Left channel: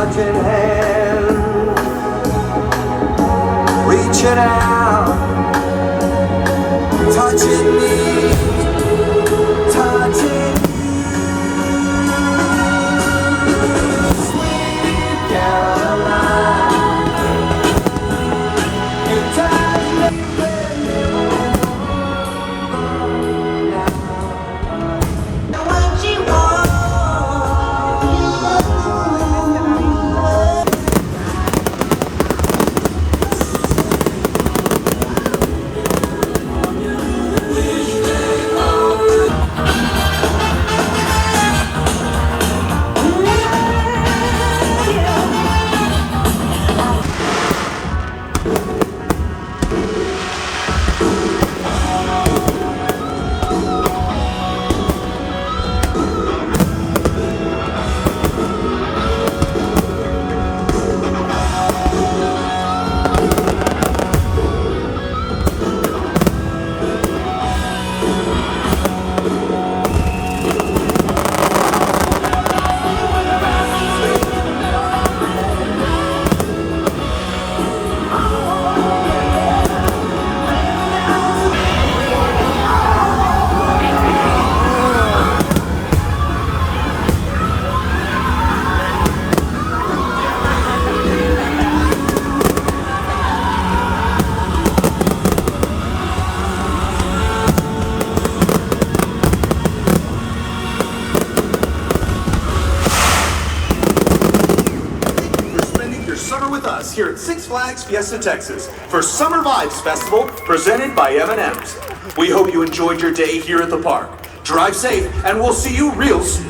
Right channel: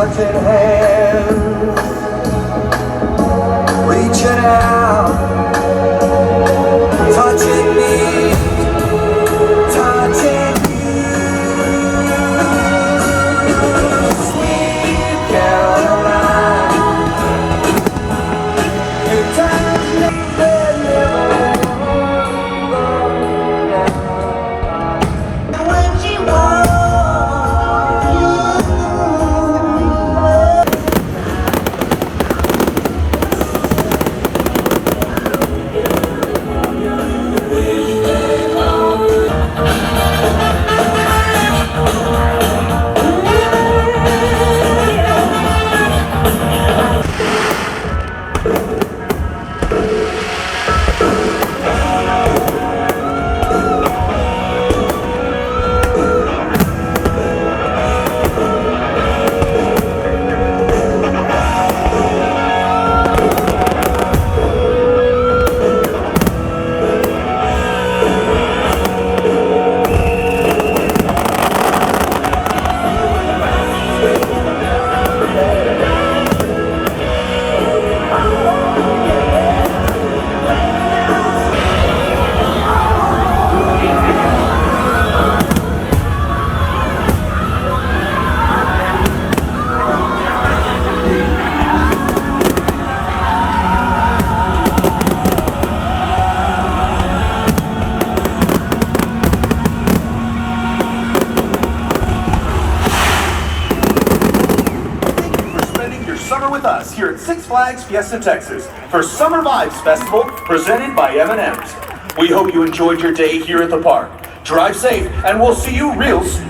touching hands, reaching out, touching me, touching me. Sweet Caroline, your time's never, never when she summer with us here at Six Flags Fiesta, Texas for Summer Vibes Festival presented by M&M's. We hope you enjoyed your day here at the park. Drive safe and we'll see you real soon.